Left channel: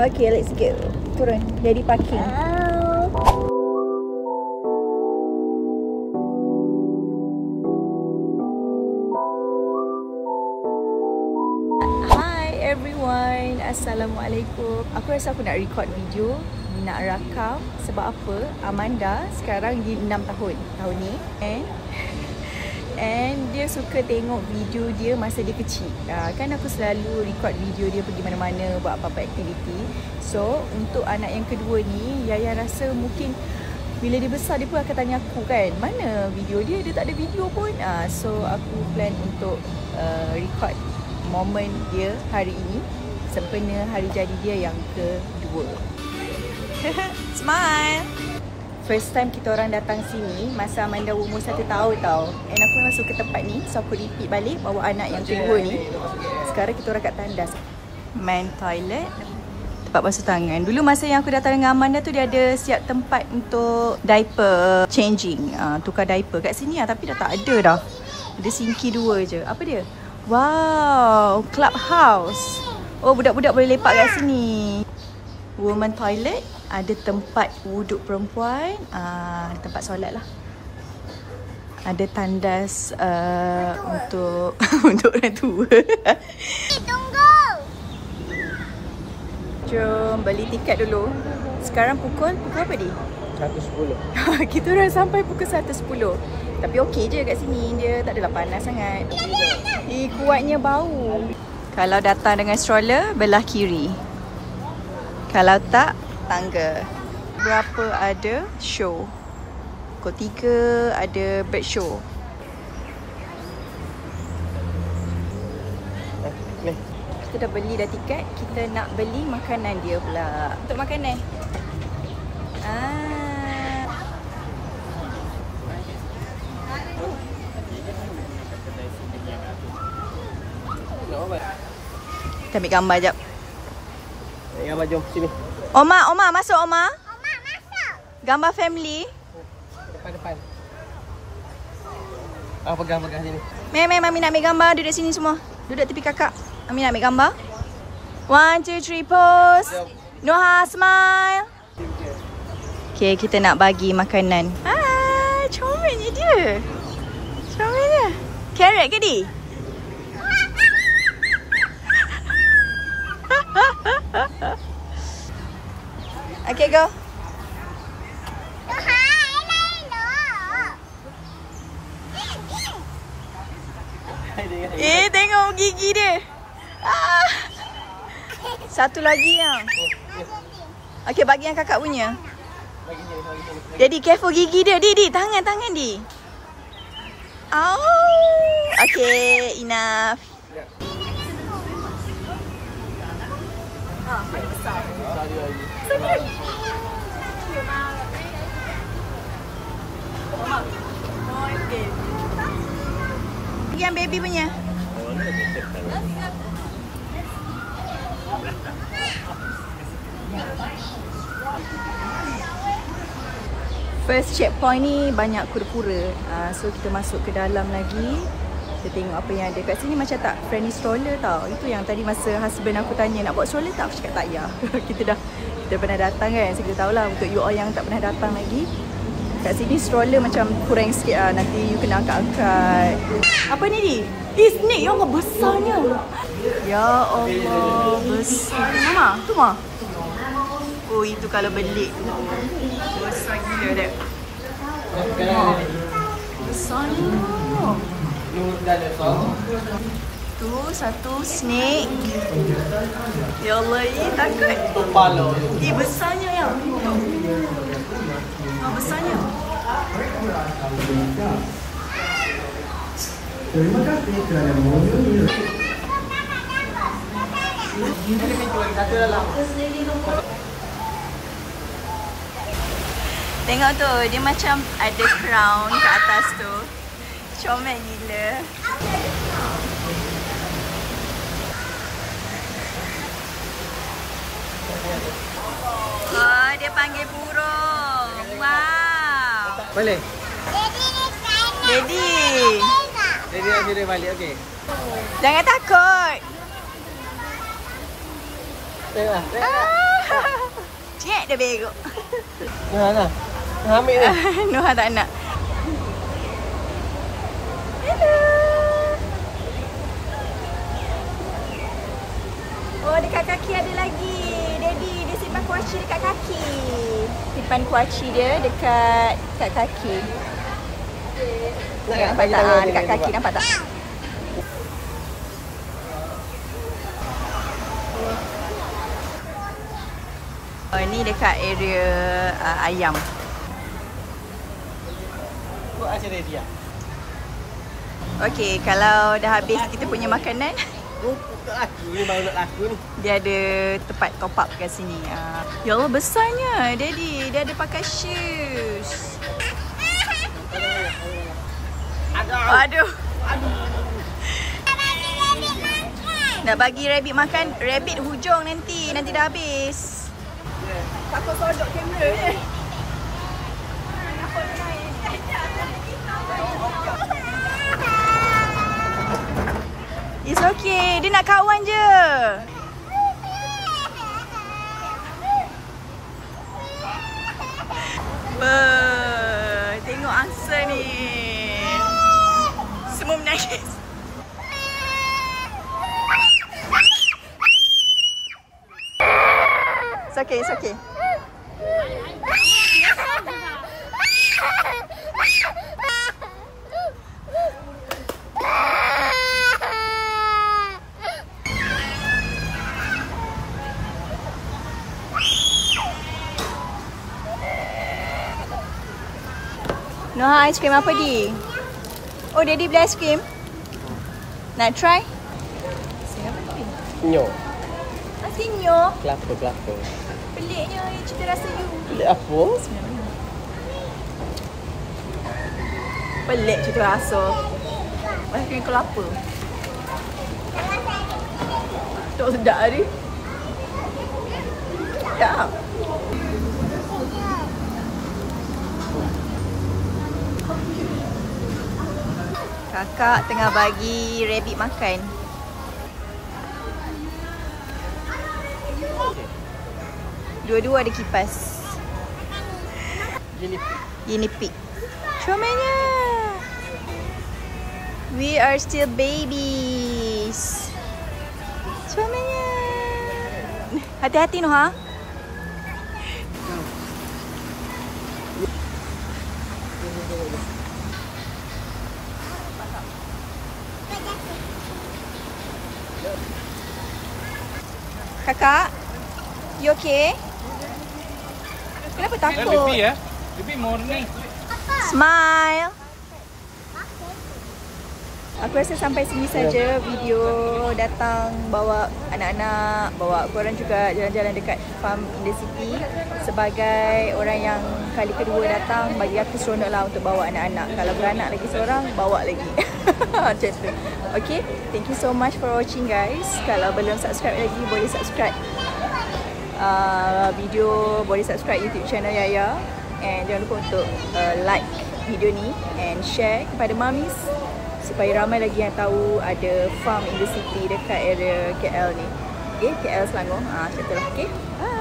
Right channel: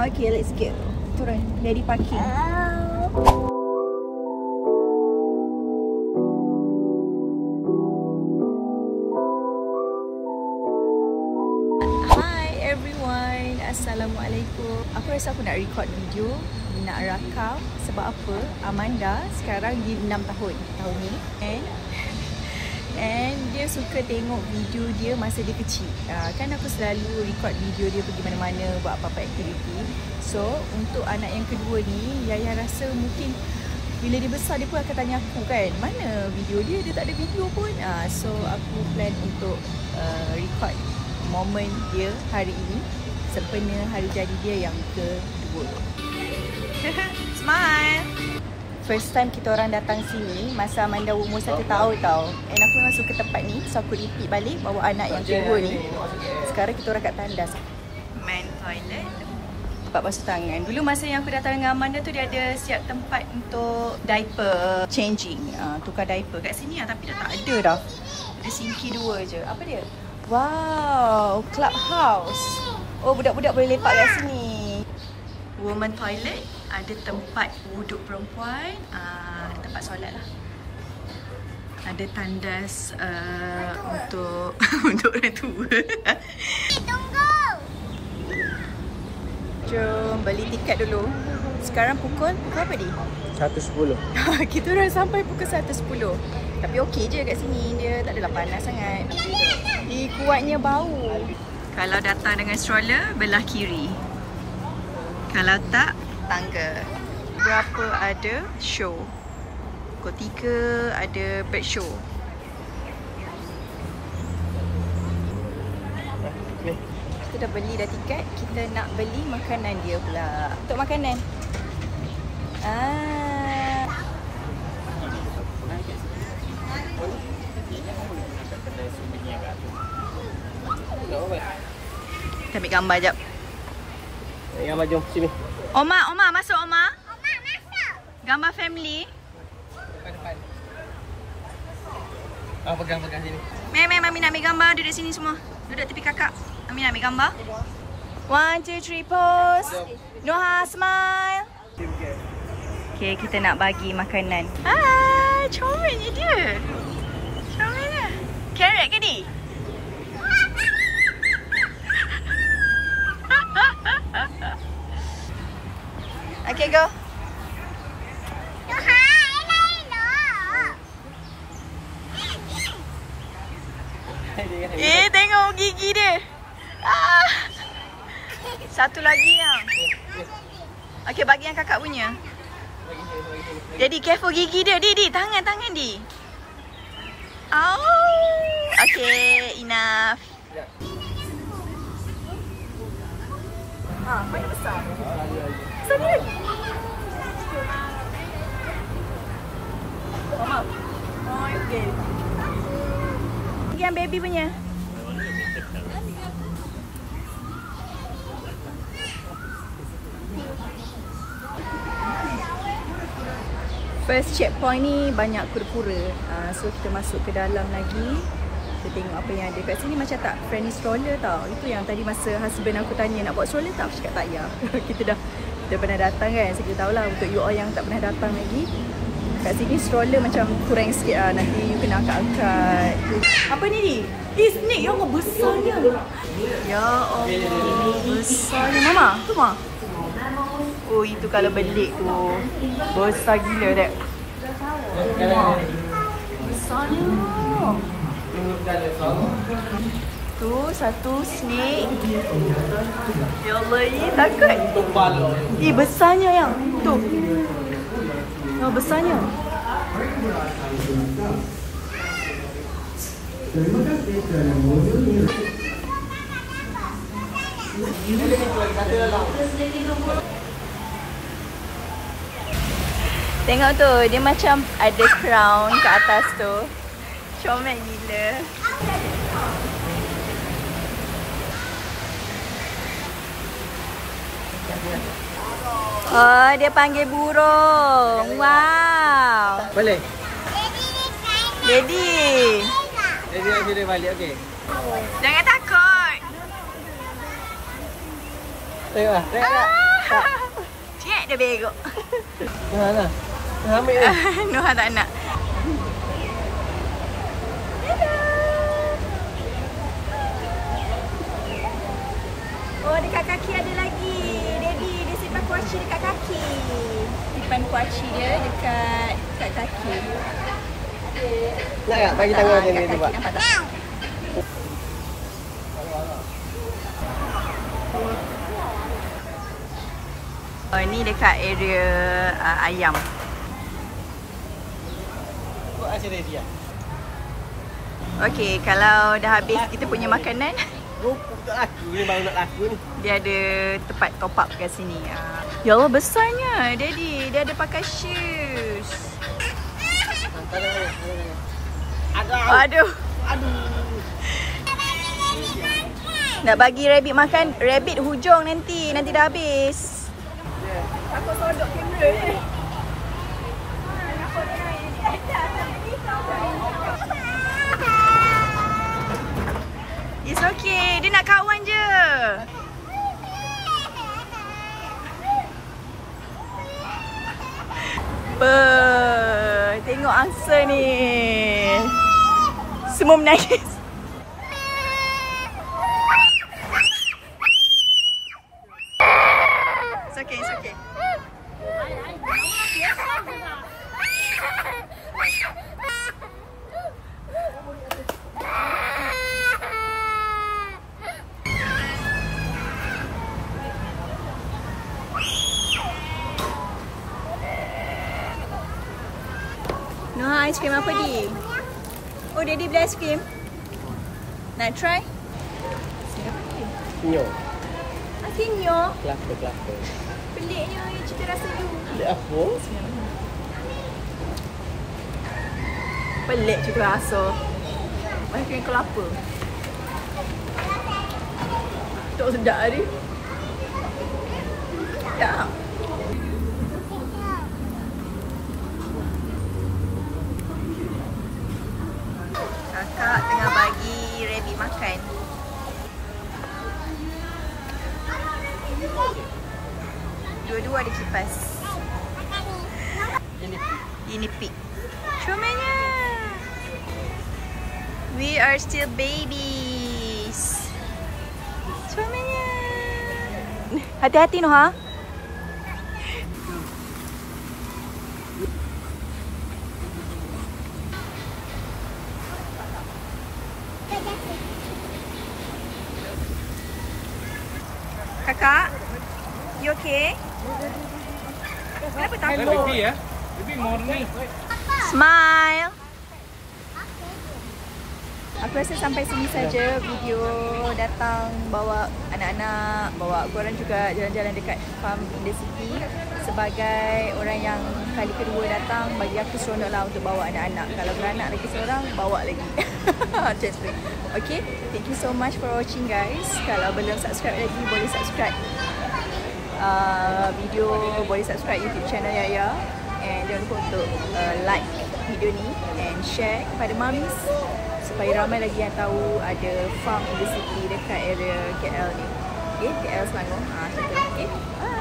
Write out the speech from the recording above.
Okay, let's go. Turun. Jadi parking. Hi everyone. Assalamualaikum. Aku rasa aku nak record video, nak rakam. Sebab apa? Amanda sekarang dia 6 tahun ni. And dia suka tengok video dia masa dia kecil. Kan aku selalu record video dia pergi mana-mana, buat apa-apa aktiviti. So untuk anak yang kedua ni, Yaya rasa mungkin bila dia besar dia pun akan tanya aku kan, mana video dia? Dia tak ada video pun. So aku plan untuk record momen dia hari ini sempena hari jadi dia yang kedua. Smile. First time kita orang datang sini masa Amanda umur 1 tahun tau. And aku memang suka tempat ni. So aku repeat balik bawa anak yang kedua ni. Sekarang kita orang kat tandas. Main toilet, tempat basuh tangan. Dulu masa yang aku datang dengan Amanda tu dia ada siap tempat untuk diaper changing, tukar diaper kat sini lah. Tapi dah tak ada dah. Ada sinki 2 je. Apa dia? Wow, clubhouse. Oh, budak-budak boleh lepak kat sini. Woman toilet, ada tempat wuduk perempuan, tempat solat lah. Ada tandas untuk untuk orang tua. Tunggu. Jom beli tiket dulu. Sekarang pukul apa ni? 1:10. Kita orang sampai pukul 1:10. Tapi okey je kat sini, dia tak adalah panas sangat. Kuatnya bau. Kalau datang dengan stroller, belah kiri. Kalau tak, tangga. Berapa ada show? Pukul 3 ada bird show. Kita dah beli dah tiket. Kita nak beli makanan dia pula. Untuk makanan. Kita ambil gambar jap. Ambil gambar, jom sini. Oma masuk Oma. Oma masuk. Gambar family. Depan. Pegang sini. Mami nak ambil gambar. Duduk sini semua. Duduk tepi kakak. Ami nak ambil gambar. 1, 2, 3 pose. Noha smile. Okay, kita nak bagi makanan. Hai, comel ni dia. Comel dia. Carrot ke ni? Okay, go. Tengok gigi dia. Satu lagi yang. Okay, bagi yang kakak punya. Jadi careful gigi dia. Di, tangan di. Oh. Okay, enough. Mana besar? Besar dia lagi. Mama. Okay. Yang baby punya. First checkpoint ni banyak kura-kura. So kita masuk ke dalam lagi. Kita tengok apa yang ada. Kat sini macam tak friendly stroller tau. Itu yang tadi masa husband aku tanya nak bawa stroller tak, aku cakap tak payah. Kita pernah datang kan. So kita tahulah untuk you all yang tak pernah datang lagi. Kat sini stroller macam kurang sikit lah. Nanti you kena angkat-angkat. Apa ni? Snake. Ya Allah, besarnya. Ya Allah, besarnya. Mama, tu mah. Oh, itu kalau belik tu. Besar gila dek. Besarnya. Tu satu snake. Ya Allah, takut. Besarnya yang tu. Besarnya. Terima kasih kerana mengunjungi. Tengok tu, dia macam ada crown kat atas tu. Comel gila. Oh, dia panggil burung. Wow. Boleh? Daddy. Daddy nak kira balik, okey. Jangan takut. Tengoklah. Ah. Cek dia begok. Nah. Nah, ambil ni. Noha tak nak. Hello. Oh, dekat kaki ada lagi. Daddy, dia simpan kuaci dekat kaki. Simpan kuaci dia dekat kaki. Nak Nampak bagi tak? tangan dia Dekat ni, kaki, nampak tak? Oh, ni dekat area ayam. Buat asyik dia. Okey, kalau dah habis kita punya makanan, Rupuk tak laku ni, baru nak laku ni. dia ada tempat top up kat sini. Ya Allah, besarnya. Daddy, dia ada pakai shoes. Aduh. Nak bagi rabbit makan, rabbit hujung nanti dah habis. Takut sodok kamera ni. It's okay, dia nak kawan je. Tengok angsa ni. Semua menangis. It's okay, it's okay. Noha, aiskrim apa di? Oh, Daddy beli aiskrim. Nak try? Siapa ni? Nyo. Asinyo. Kelapa. Peliknya cita rasa you. Pelik apa? Pelik cita rasa. Aiskrim kelapa. Tak sedap ni. Tak. Kakak tengah bagi rabbit makan. Dua-dua ada kipas. Guinea pig. Comelnya. We are still babies. Comelnya. Hati-hati Noha. Kakak, you okay? Kenapa takut? Baby morning. Smile. Aku rasa sampai sini saja video datang bawa anak-anak, bawa korang juga jalan-jalan dekat farm in the city. Sebagai orang yang kali kedua datang, bagi aku seronok lah untuk bawa anak-anak. Kalau beranak lagi seorang, bawa lagi. Macam tu. Okay, thank you so much for watching guys. Kalau belum subscribe lagi, boleh subscribe video, boleh subscribe YouTube channel Yaya. And jangan lupa untuk like video ni and share kepada mamis, supaya ramai lagi yang tahu ada farm in the city dekat area KL ni. Okay, KL Selangor. Macam tu lah. Okay, bye.